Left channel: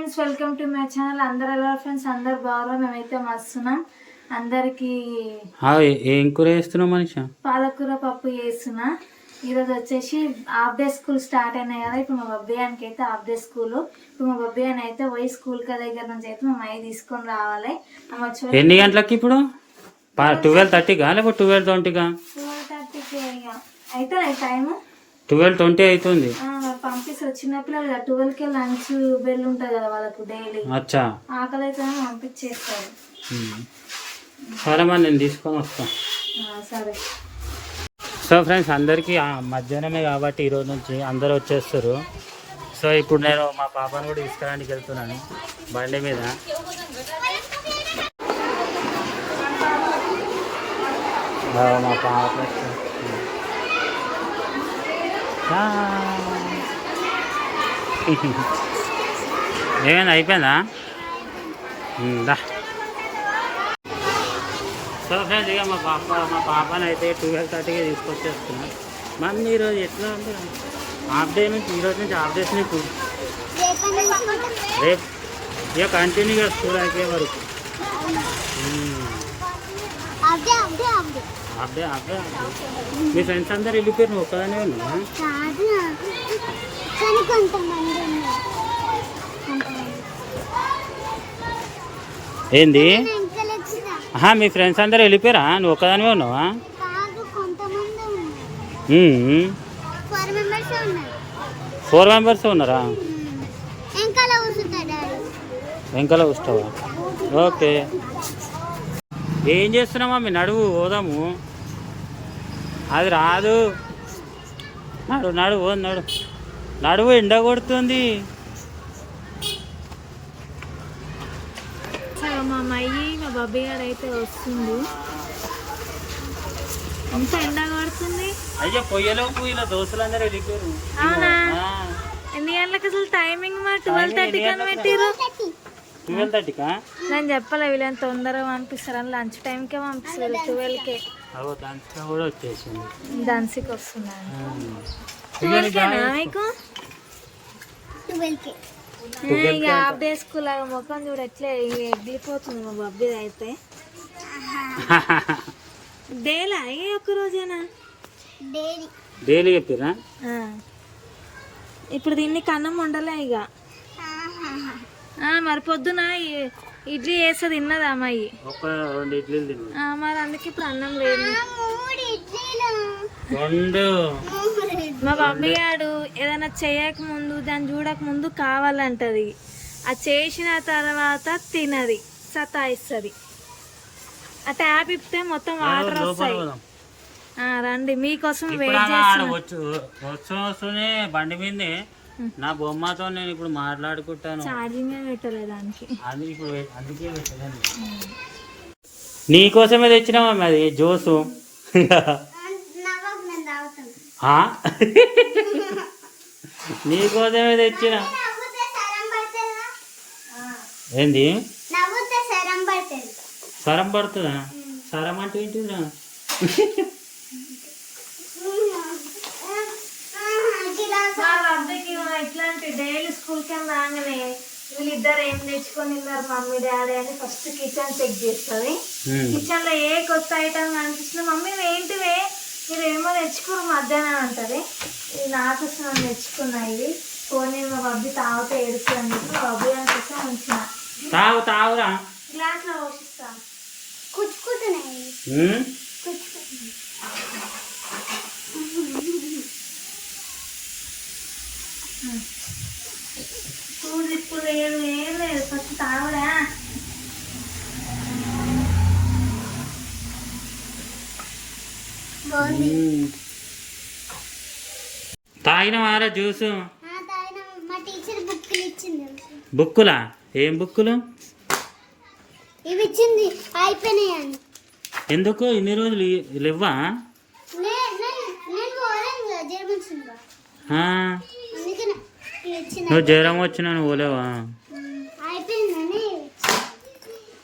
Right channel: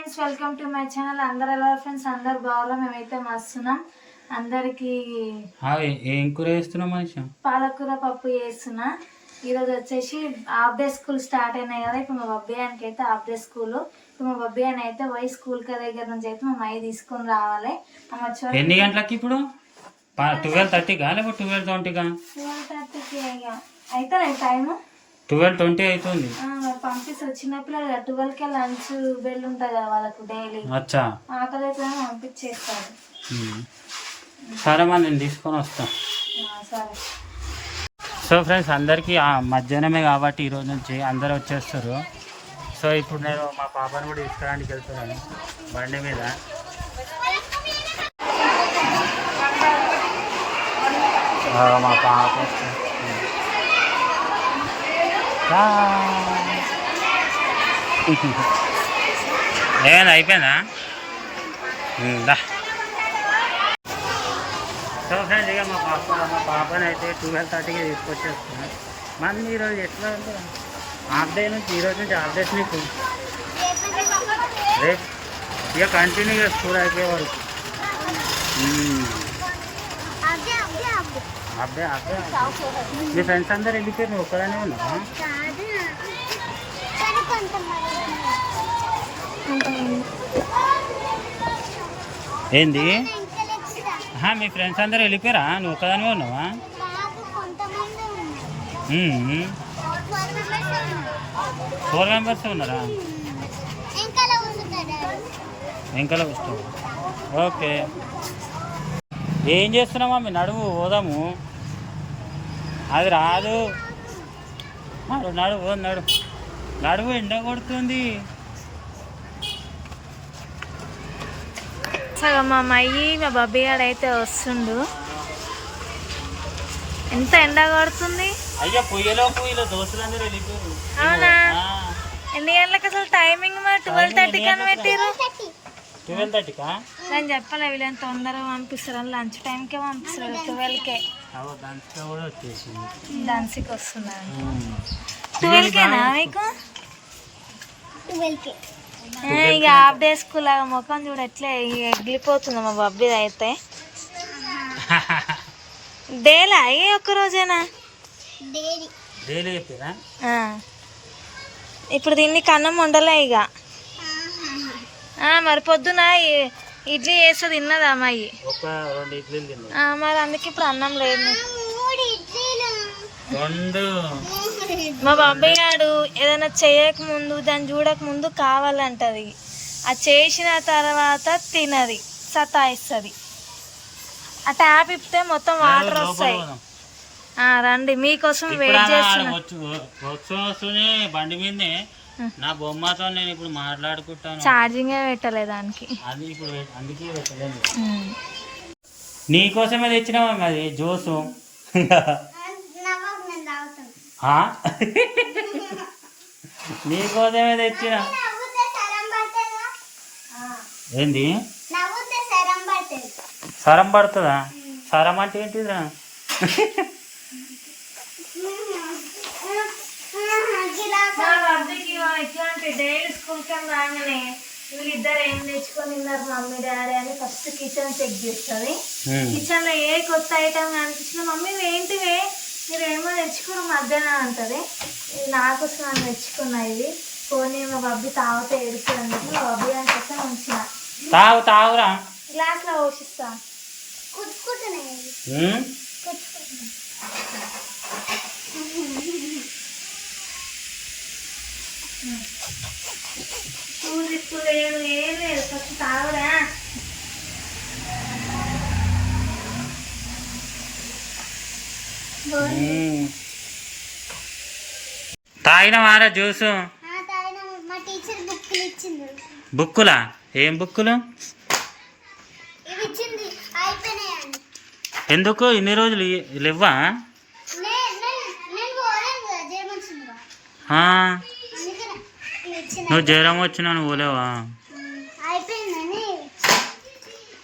Friends, welcome to my channel. అందరు ఎలా friends? అందరు బాగా, మేమైతే మస్తున్నాం. అందరికి ఏం కూర చేస్తున్నావు మనిషి? పాలకూర పప్పు చేస్తున్నా. ఈరోజు వచ్చేసి హాఫ్ డే స్కూల్ స్టార్ట్ అయినాయి కదా. ఇప్పుడు మా బబ్బియానికి అయితే హాఫ్ డే స్కూల్. ఇప్పుడు మా బబ్బియాని అయితే పోయి స్కూల్ దగ్గర నుంచి అయితే మా మై తీసుకొని రావాలి. ఎన్ని గంటలకి ఇప్పుడు? 12:30కా లేకపోతే 12:20కా? 12:30కి అయితే టైము 12:20 అవుతుంది. పంపిస్తారు చిన్నపిల్లలు 12కే లంచ్ బెల్ ఉంటుంది కదా వాళ్ళకు డైలీ. అచ్చా, ఆకలి అయితే పంపించేస్తారు. సరే మరి నేను తీసుకొని వస్తా. సరే. సో ఫ్రెండ్స్, అందరికీ మధ్యాహ్నమే కాబట్టి ఈరోజు నుంచి అందరు వచ్చేస్తారు. సో ఇప్పుడు నేను మా పాపను కూడా తీసుకురావడానికి వెళ్తున్నాను బండి మీద. మా పాప ఏమైనా అయిపోయిందా? సో ఫ్రెండ్స్, ఇక మా పాపని అయితే 12:30కి తీసుకొచ్చేస్తున్నా. మళ్ళీ ఈరోజు ఎట్లా ఉంది హాఫ్ డే నుంచి, ఈరోజు నుంచి హాఫ్ డేస్ నీకు. రేపు ఇక కంటిన్యూగా స్కూల్ అయిపోయే వరకు. Half day. మీ ఫ్రెండ్స్ అందరు వెళ్ళిపోయారు, నువ్వు ఒక్కదానే ఉన్నావా? ఏంది? మీ ఫ్రెండ్స్ అందరు వెళ్ళిపోయారా, నువ్వు ఒక్కదానివే ఉన్నావా? 4 మెంబర్స్ ఉన్నారా? వెంకల వస్తావా? ఓకే. ఏం చేస్తున్నామా? మీ నడువు పోదాము. అది రాదు. నడువు ఎండ కొడుతుంది. సగం మా అమ్మాయి మా బబ్బీ గారు అయితే వస్తుండు. ఎంత ఎండ కొడుతుంది. అయ్యా పొయ్యలోపు ఇలా దోస్తులందరూ వెళ్ళిపోయారు. అవునా? ఎన్ని గంటలకు అసలు టైమింగ్? మా 12:30 అని పెట్టిరు. 12:30కా? నేను చెప్పలే, వీళ్ళని తొందరగా పంపిస్తారని. లంచ్ టైంకే పంపిస్తారు. 12కే డాన్స్కి వస్తున్నాను. 12కేనా మీకు? 12కే. ఇక హాఫ్ డే స్కూల్ లాగా ముఖం చూడ ఎట్లే ఎగిలిపోతుంది మా బబ్బీది అయితే. డేలా ఏ ఒక్క రోజేనా? డైలీ చెప్పిరా? ఇప్పుడు దీన్ని కన్నం వండలే ఇక. మరి పొద్దున ఇడ్లీ చేస్తే తిన్నది అమ్మాయి. మరి అందుకే ఇప్పుడు అన్నం లేదు. మా బాబాయ్ గారు ఏదైనా చేయక ముందు, దాన్ని చూడక ముందు కావాలంటది. అది చేసిన తర్వాత తినది, సతాయిస్తుంది. ఆ ట్యాప్ ఇప్పితే మొత్తం వాటర్ వస్తాయి. రండి, మీకోసం వెయిట్ చేస్తున్నా. బండి మీదే నా బొమ్మతో నేను ఇప్పుడు మాట్లాడుకుంటాను. ఛార్జింగ్ పెట్టలే దానికి. అందుకే పెట్టలేదు. నీకోసమే తెచ్చినావా అది జ్యూసు? నీకోసమే తెచ్చిన. ఏంది? సరం పడుతుందా? సరం అంటే ఏంటిదిరా? ఇట్లాంటి డైలీ స్కూల్ కి రాగానే వీళ్ళిద్దరు ఏం తెచ్చుకొని ఉన్నారు మమ్మీ డాడీ అని ఫస్ట్ కిచెన్ చెక్ చేస్తుంది. కిచెన్ లో ఏ కొత్త ఐటమ్ కనిపించినా మమ్మీ ఏంటివే మీరు ఏమో తెచ్చుకోరు మధ్యాహ్నం అంటది. ఇది నాకోసం అని తెచ్చుకున్నా. ఇది పోనీ మా బబ్బి తాగుతా ఏడుస్తుంది. మా బబ్బి దానికోసం ఉంచిన. తాగురా గ్లాస్ లో పోషిస్తా. కుచ్చుకుంటున్నాయి. ఇప్పుడు ఏం లేదు, ఫస్ట్ తాగురా. తాగినవారా జ్యూసు? బుక్కులా? ఏం బుక్కులు? ఎందుకు ఇన్ని రోజులు లేవా? నువ్వు జ్వరం వచ్చినా నువ్వు పోలేవా?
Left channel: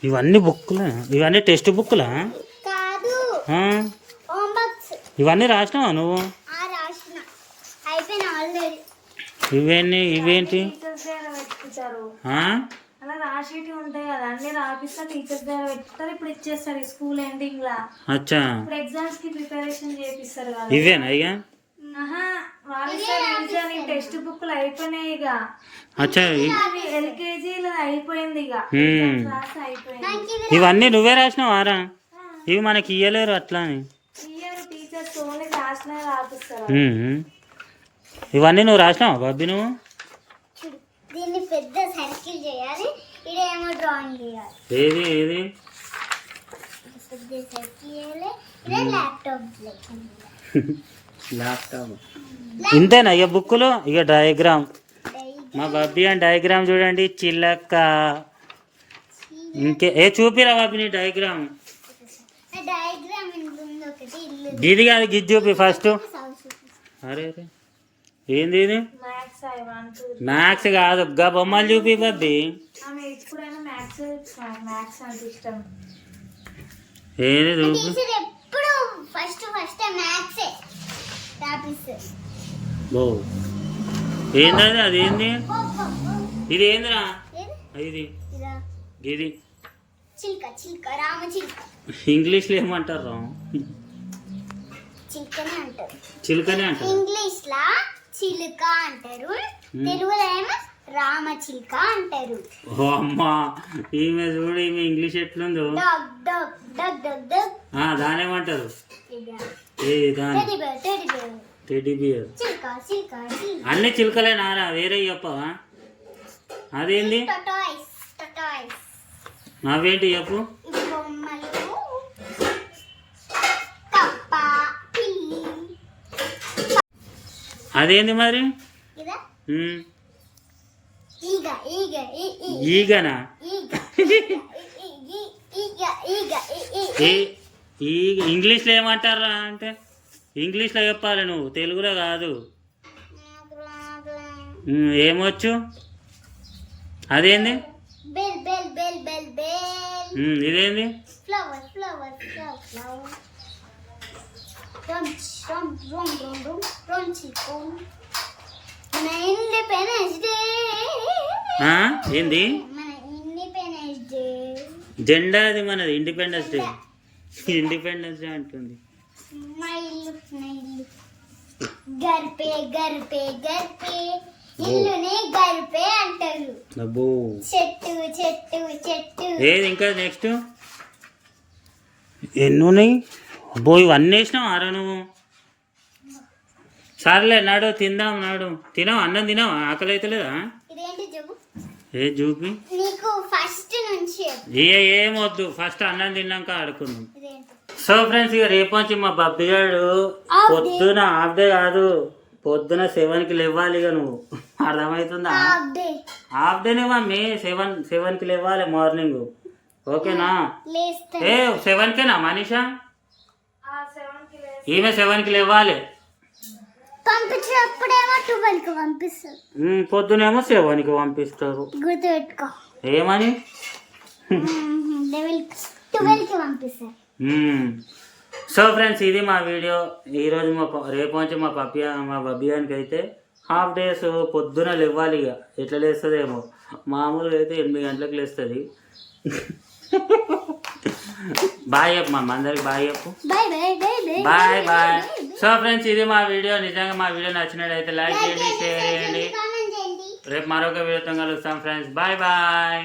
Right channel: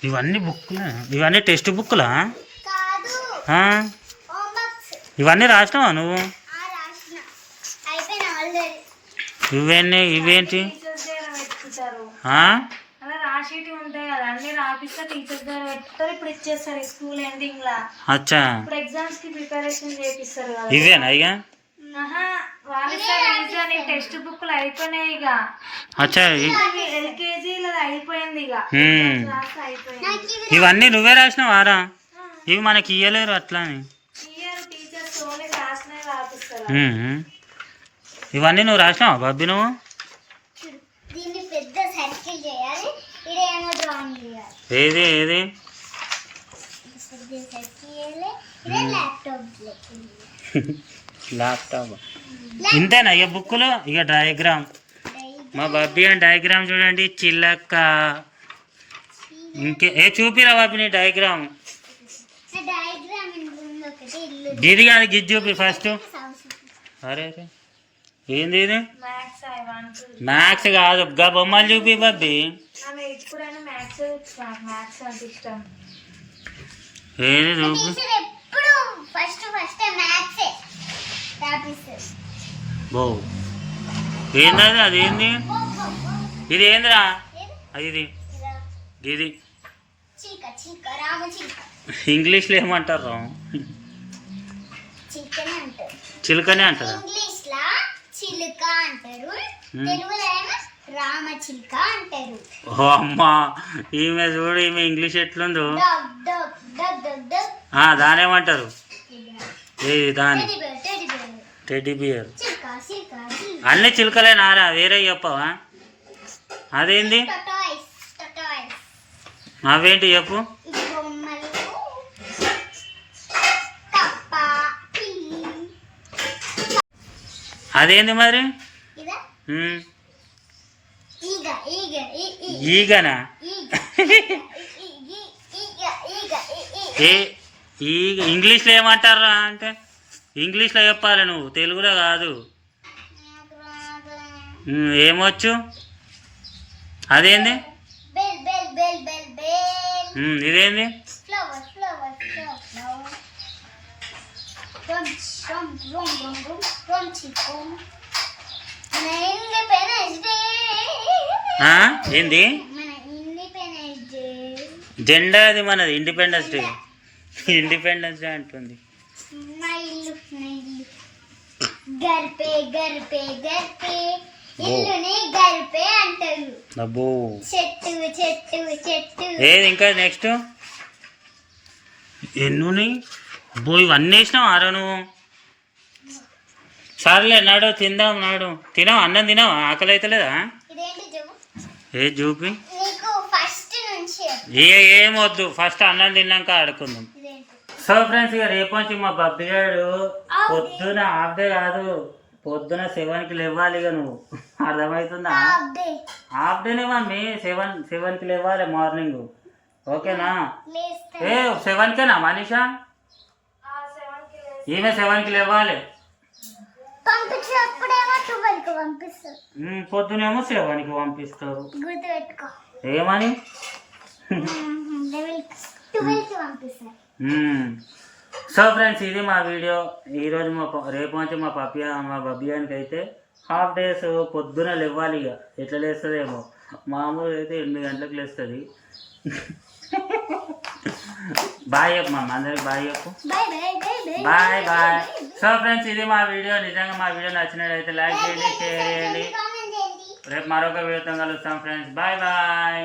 ఇవన్నీ బుక్కులా? ఇవన్నీ టెక్స్ట్ బుక్కులా? ఇవన్నీ రాసినావా నువ్వు? ఇవేంటి? ఆ? అలా రాసేటి ఉంటాయి కదా అన్ని రాపిస్తే టీచర్స్ దగ్గర పెడతారు. ఇప్పుడు ఇచ్చేస్తారు స్కూల్ ఎండింగ్ లా. అచ్చా ఇప్పుడు ఎగ్జామ్స్ కి ప్రిపరేషన్ చేపిస్తారు కదా. ఇవేనా ఇక? వాళ్ళ టెక్స్ట్ బుక్లు అయిపోయినాయి ఇక. అచ్చా ఎల్కేజీలో అయిపోయింది ఇక. క్లాస్ అయిపోయింది. ఇవన్నీ నువ్వే రాసినావారా? ఇవి మనకి ఇయ్యలేరు అట్లా అని. ఇయర్ టీచర్స్ ఓన్లీ క్లాస్ నే రాపిస్తారు. ఇవన్నీ నువ్వు రాసినావా బాబీ నువ్వు? దీన్ని పెద్ద సర్కిల్ చేయాలి, ఇదేమో డ్రాయింగ్ చేయాలి. ఏది ఏది? పెద్ద సర్కిల్ చేయాలి, ఇదే ల్యాప్టాప్. ఇంతేనా ఇక బుక్లో? ఇక డయాగ్రామ్ మా బాబీ అని డయాగ్రామ్ చూడండి. చిల్లక్క ఇంకే చూపిరా బాబీ నీ డయాగ్రామ్. డయాగ్రామ్ ఒకటి ఇల్లు. గిది కాదు, గిది చూపి ఫస్ట్. అరే అరే ఏంది ఇది? మ్యాథ్స్ కాదు, గా బొమ్మలు చూపి బాబీ. ఏది చూపి. ఎప్పుడు ఫస్ట్ మ్యాథ్సే రాపిస్తారు. బో ఏంది అదేంది? ఇది ఏందిరా? ఇది ఇది చిల్క చిల్క రామ చిల్క. ఇంగ్లీష్లో ఏమంటారు? చిల్కనే అంటారు. చిలుకనే అంటారు. ఇంగ్లీష్ లా చిలుక అంటారు, తెలుగులో ఏమో రామ చిలుక అంటారు. ఓ అమ్మా, ఈమె చూడు, ఈమె ఇంగ్లీష్ ఎట్లుందో. Dog dog dog dog dog. దానేమంటారు? ఏది దాని? Teddy bear teddy bear. Teddy bear. చిల్క చిల్క చిల్క. అన్ని చిలుకలే నారా, వేరే చెప్పవా? అదేంది? టటాయిస్ టటాయిస్. అవేంటి చెప్పు. బొమ్మలు కప్ప పిల్లి. అదేంది మరి? ఇదా ఈగ ఈగ ఈగనా? ఈగ ఈగ ఈగ ఏ ఈగ ఇంగ్లీష్లో ఏమంటారా అంటే? ఇంగ్లీష్లో చెప్పాలి నువ్వు, తెలుగులో కాదు. ఏమొచ్చు? అదేంది? Bell bell bell bell bell. ఇదేంది? Flower flower flower flower. రం రం రం రం రం రం చికు. మన ఇండిపెండెన్స్ డే. ఏంది? మన ఇండిపెండెన్స్ డే. జెండా అది మనది, ఇండిపెండెన్స్ డే. ఇండిపెండెన్స్ డే అంటుంది. నా ఇల్లు గర్పే గర్పే గర్పే. ఇల్లుని గర్పే అంటారు. అబ్బో. చెట్టు చెట్టు చెట్టు. ఏది ఇంకా నెక్స్ట్? ఎన్నున్నాయి? అబ్బో, ఇవన్నీ వేసినావు ఆరో నువ్వు. సర్లే నాడు తిందాం, నాడు తినావా? అన్నం తినావా? ఆకలి అవుతలేదా? ఇదేంటి చెప్పు. ఏ చూపి. నీకు ఫస్ట్ నుంచి ఏమొద్దు, ఫస్ట్ అన్నం తిన్నాక ఆడుకుందాం. ఇదేంటి? సో ఫ్రెండ్స్, ఇక రేపు నుంచి మా బబ్బిగాడు పొద్దున హాఫ్ డే కాదు, పొద్దున 7కి లేవాలి. ఇక నువ్వు అర్థమవుతుందా? హాఫ్ డేనే మమ్మీ, 7కి లేవాలి మార్నింగ్. ఓకేనా? ఏ 7కేనా మనీషా? ఈమె 7కి లేవాలి. పంపించినప్పుడేమో 12కి పంపిస్తారు. పొద్దునేమో 7కి పంపిస్తారు. గుర్తుపెట్టుకో. ఏమని? 12కి పంపిస్తారు. సో ఫ్రెండ్స్, ఇది మా వీడియో ఈరోజు. రేపు నుంచి మా బబ్బియానికి అయితే హాఫ్ డేస్ పొద్దున లేవాలి. ఇక ఎట్లా లేస్తుందేమో, మామూలుగా అయితే 8 గంటలకు లేస్తుంది. బాయ్ చెప్పు మా అందరికి, బాయ్ చెప్పు. Bye bye. సో ఫ్రెండ్స్, ఇది మా వీడియో. నిజంగా మా వీడియో నచ్చినట్టయితే లైక్ చేయండి, షేర్ చేయండి. రేపు మరొక వీడియోతో కలుస్తాం ఫ్రెండ్స్. Bye bye.